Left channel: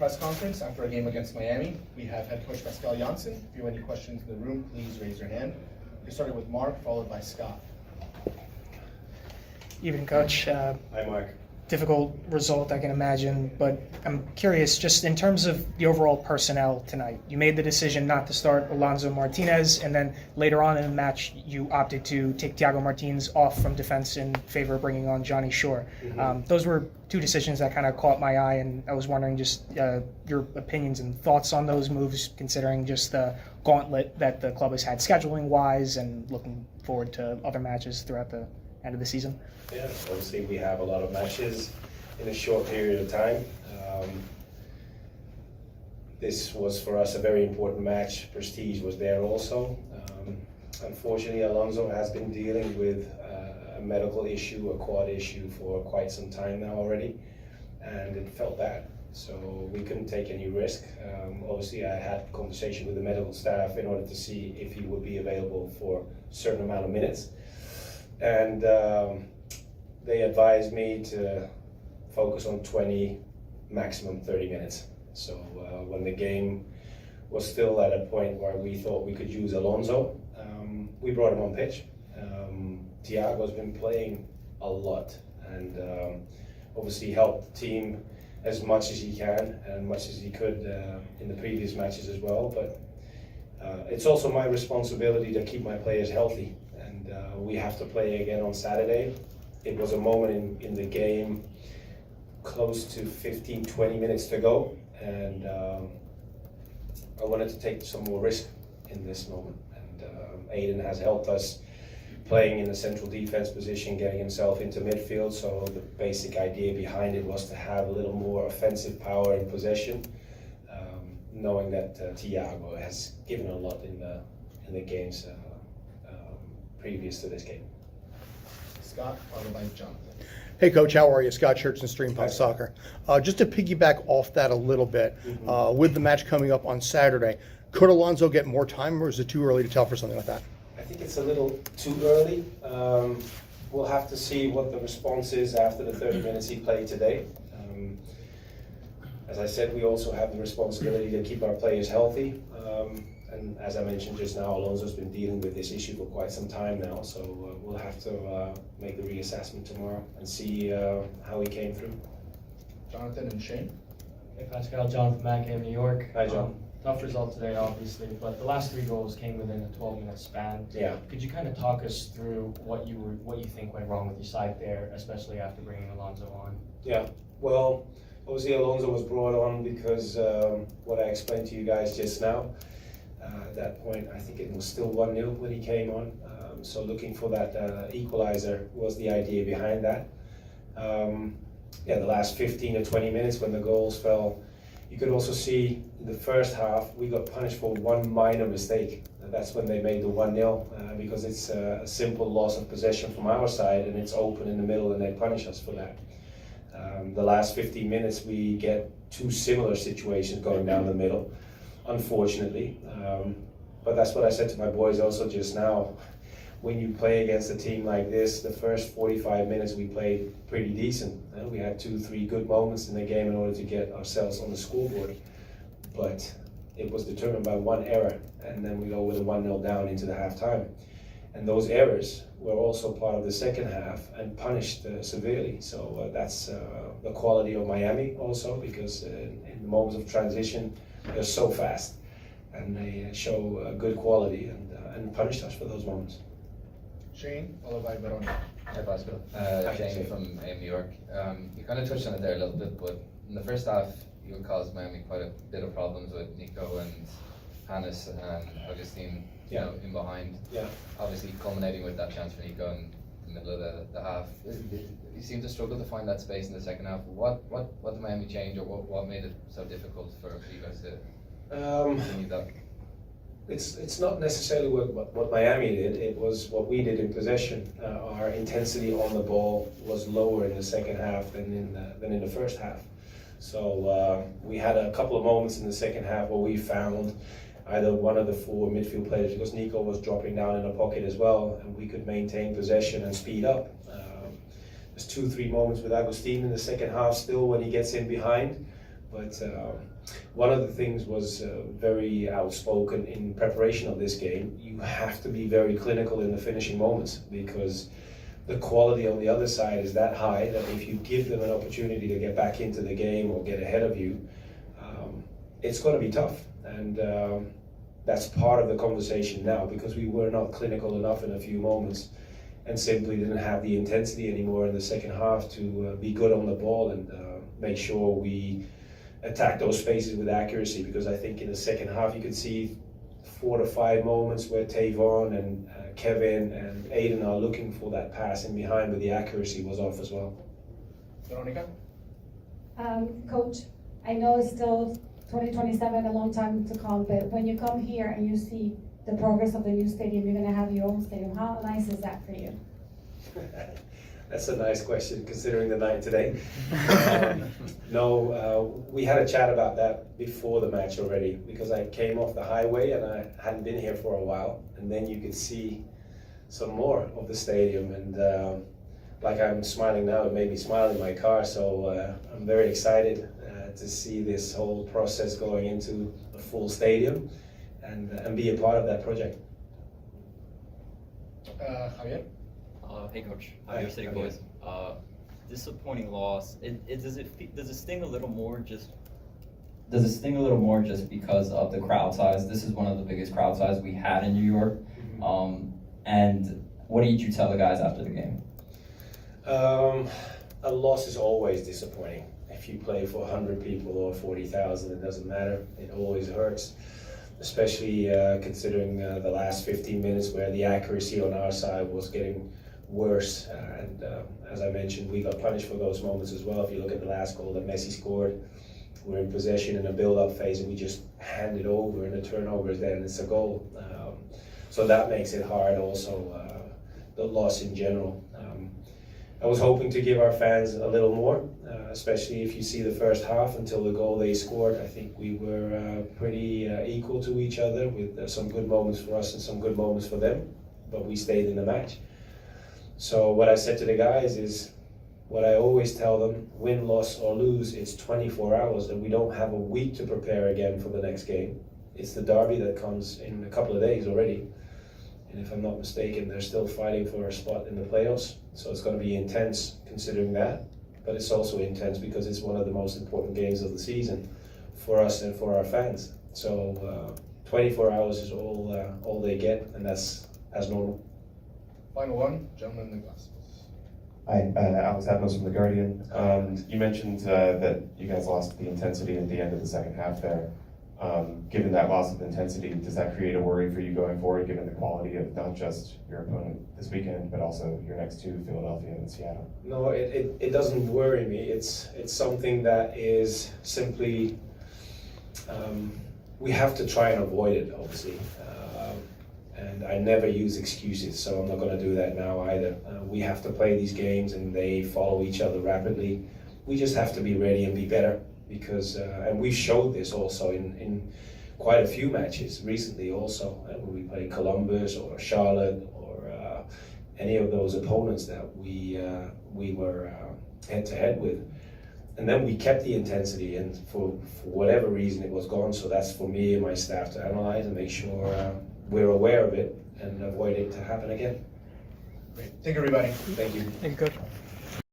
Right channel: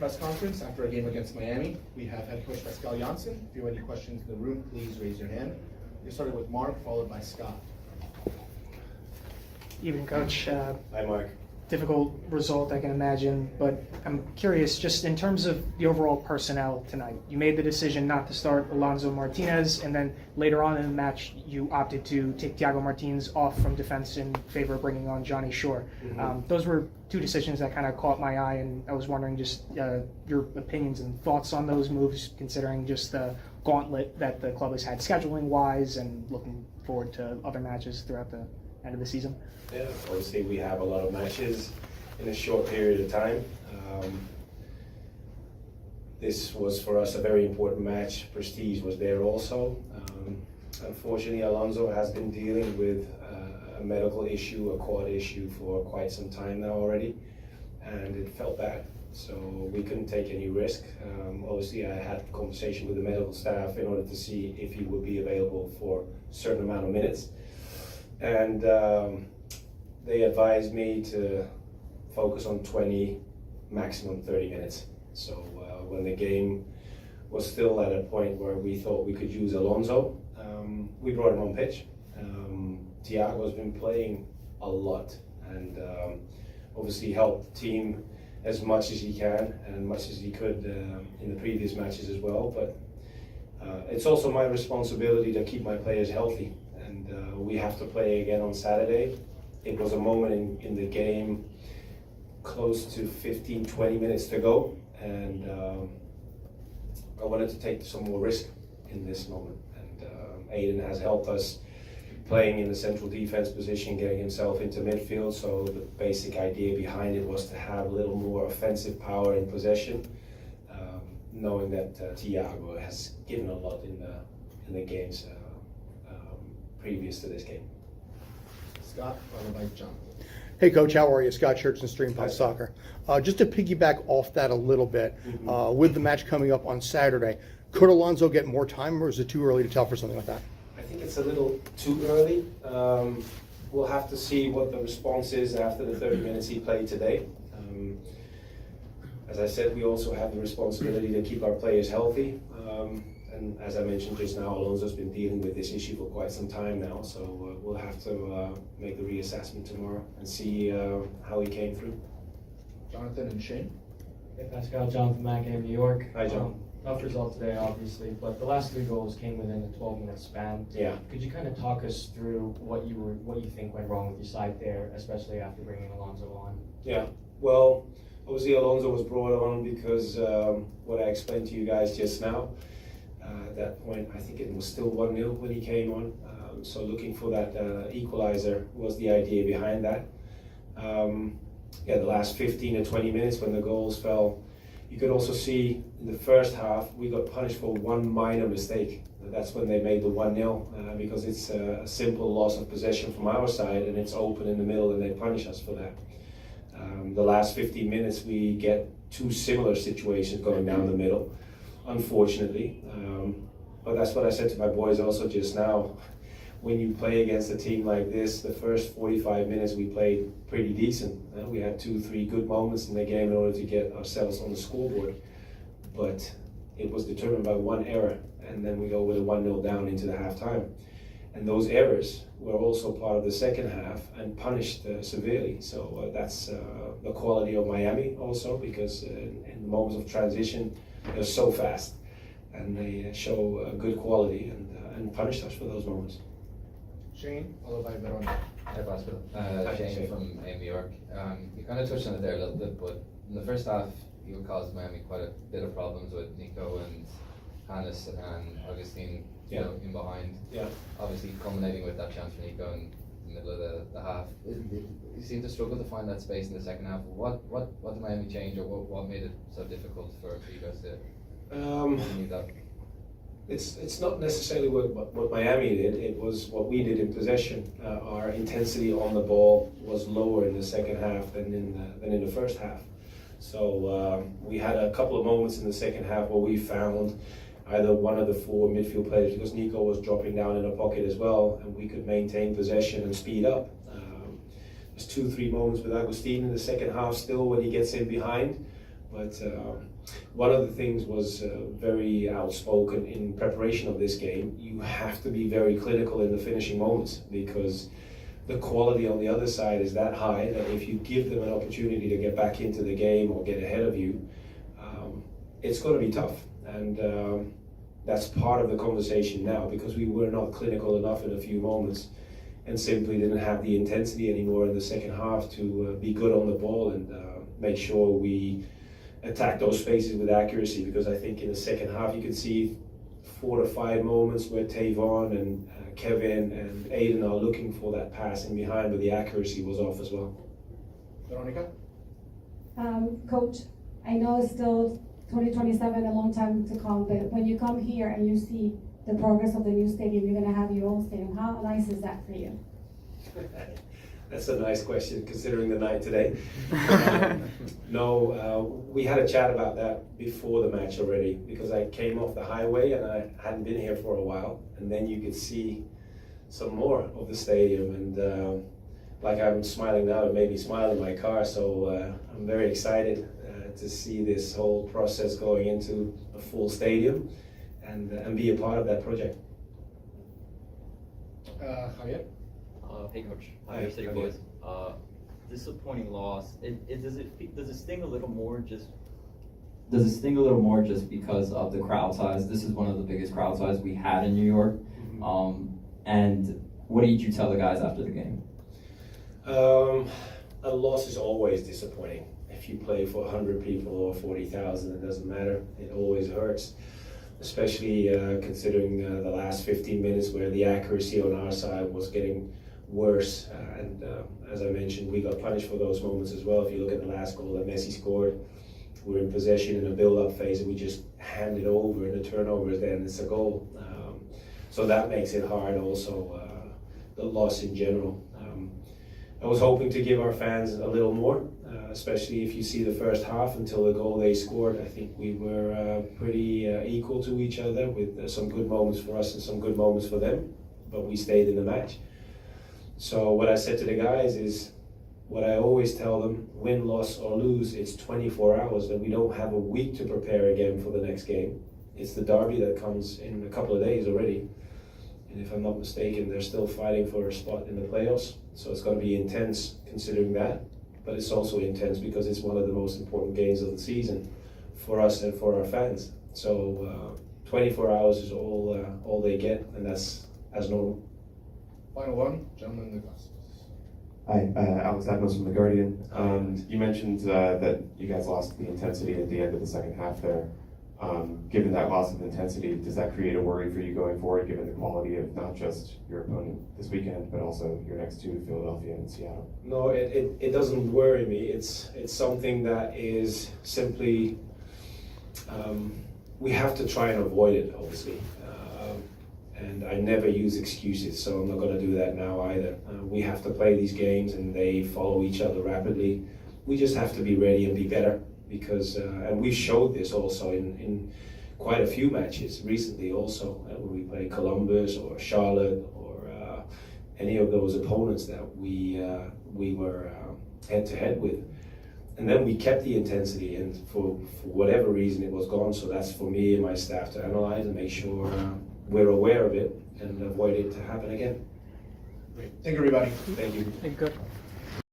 press conference after a game against Miami. We have head coach Pascal Jansen. If you have any questions in the room, please raise your hand. We're starting with Mark, followed by Scott. Evening, Coach. Hi, Mark. Difficult result, I can imagine, but I'm curious, just in terms of the overall personnel tonight. You made the decision not to start Alonso Martinez, and then later on in the match, you opted to take Thiago Martins off from defense in favor of bringing on Johnny Shore. Mm-hmm. Those were two decisions that kind of caught my eye, and I was wondering just your opinions and thoughts on those moves, considering just the gauntlet that the club has had scheduling-wise and looking forward to other matches throughout the end of the season. Yeah, obviously we have a lot of matches in a short period of time. This was for us a very important match. Prestige was there also. Unfortunately, Alonso has been dealing with a medical issue, a quad issue for quite some time now already, and it felt bad. So we couldn't take any risk. Obviously, I had a conversation with the medical staff in order to see if he would be available for a certain amount of minutes. And they advised me to focus on 20, maximum 30 minutes. So when the game was still at a point where we thought we could use Alonso, we brought him on pitch. Thiago has been playing a lot and obviously helped the team as much as he can and much as he could in the previous matches as well. But it's also my responsibility to keep my players healthy. We have to play again on Saturday. It was a moment in the game close to 15-20 minutes to go, and I wanted to take some more risk in this moment. And Aiden has helped us playing in the central defense position, getting himself into midfield. So the basic idea behind it was to have a little more offensive power in possession, knowing that Thiago has given a lot in the games previous to this game. Scott, followed by Jonathan. Hey Coach, how are you? Scott Schertzen, Stream Punt Soccer. Just to piggyback off that a little bit, with the match coming up on Saturday, could Alonso get more time, or is it too early to tell for something like that? I think it's a little too early. We'll have to see what the response is after the 30 minutes he played today. As I said, we also have the responsibility to keep our players healthy. And as I mentioned just now, Alonso's been dealing with this issue for quite some time now, so we'll have to make the reassessment tomorrow and see how he came through. Jonathan and Shane. Hey Pascal, Jonathan Mack in New York. Hi, John. Tough result today, obviously, but the last 3 goals came within a 12-minute span. Yeah. Could you kind of talk us through what you think went wrong with your side there, especially after bringing Alonso on? Yeah. Well, obviously Alonso was brought on because what I explained to you guys just now. At that point, I think it was still 1-0 when he came on. So looking for that equalizer was the idea behind that. The last 15 to 20 minutes when the goals fell, you could also see in the first half we got punished for one minor mistake. That's when they made the 1-0 because it's a simple loss of possession from our side and it's open in the middle and they punish us for that. The last 15 minutes we get 2 similar situations going down the middle, unfortunately. But that's what I said to my boys also just now. When you play against a team like this, the first 45 minutes we played pretty decent. We had 2-3 good moments in the game in order to get ourselves on the scoreboard. But it was determined by one error, and then we go with a 1-0 down into the halftime. And those errors were also part of the second half and punished severely. So that's the quality of Miami also, because in moments of transition, they're so fast and they show good quality and punished us for those moments. Shane, followed by Veronica. Hi Pascal, Shane. Shane from New York. You kind of touched on it there a little bit, but in the first half you caused Miami quite a bit of problems with Nico and Hannes and Augustine, you know, in behind. Yeah. Obviously culminating with that chance for Nico in the middle of the half. You seem to struggle to find that space in the second half. What did Miami change, or what made it so difficult for you guys to need that? It's not necessarily what Miami did, it was what we did in possession. Our intensity on the ball was lower in the second half than in the first half. So we had a couple of moments in the second half where we found either one of the 4 midfield players, because Nico was dropping down in a pocket as well, and we could maintain possession and speed up. There's 2-3 moments with Agustin in the second half still when he gets in behind, But one of the things was very outspoken in preparation of this game. You have to be very clinical in the finishing moments, because the quality on the other side is that high that if you give them an opportunity to get back into the game or get ahead of you, it's going to be tough. And that's part of the conversation now, because we were not clinical enough in a few moments and simply didn't have the intensity anymore in the second half to be good on the ball and make sure we attack those spaces with accuracy. Because I think in the second half you could see 4 to 5 moments where Tavon and Kevin and Aiden are looking for that pass in behind, but the accuracy was off as well. Veronica? Coach, I know it's still 2027, a long time to come, but when you come here and you see the progress of the new stadium, you're going to have your own stadium. How nice is that for you? That's a nice question, considering the night today. We had a chat about that before the match already, because I came off the highway and I hadn't been here for a while, and then you could see some more of the stadium, and like I'm smiling now, it made me smile in my car, so I'm very excited to see this whole process going into a full stadium and be a part of that project. Javier? Hey coach, Hi, your City Javier. boys. Disappointing loss. Does it sting a little more just? Does it sting a little more just because of the crowd size? This is one of the biggest crowd size we had in New York. And what did you tell the guys after the game? A loss is always disappointing. If you play for 100 people or 40,000, it doesn't matter. It always hurts, especially considering the last 15 minutes where the accuracy on our side was getting worse. And as I mentioned, we got punished for those moments as well. If you look at the last goal that Messi scored, we're in possession in a build-up phase and we just hand it over, and the turnover is there and it's a goal. So that makes it hard also, the loss in general. I was hoping to give our fans a little more, especially if you see the first half until the goal they scored. I think we were pretty equal to each other, with some good moments for us and some good moments for them, but we stayed in the match. So what I said to the guys is what I always tell them: win, loss or lose, it's 24 hours, and we don't have a week to prepare again for the next game. It's the derby that comes in a couple of days already. And if I'm not mistaken, they're still fighting for a spot in the playoffs. So it's going to be intense considering that. But it's also intense because it's one of the most important games of the season for us and for our fans. So 24 hours is all they get, and that's as normal. Final one, gentleman in the glass. Hi, Alex Adams from The Guardian. You mentioned that you guys lost the intensity at the end of the second half there. Given that loss of intensity, does that create a worry for you going forward, given the quality of not just your opponent this weekend, but also your next two, Philadelphia and Seattle? No, it doesn't worry me. It's something that is simply, we have to try and avoid it, obviously. And I never use excuses, so I'm not going to do that now either. We have to play these games and they follow each other rapidly. We just have to be ready and be better, because, and we've showed this also in quite a few matches recently also, when we played Columbus or Charlotte or any of those opponents that we were head to head with. And then we kept the intensity, and for whatever reason it was gone. So that's for me and my staff to analyze and make sure we're aware of it and avoid it to happen again. Great. Thank you, everybody. Thank you. Thank you, Coach.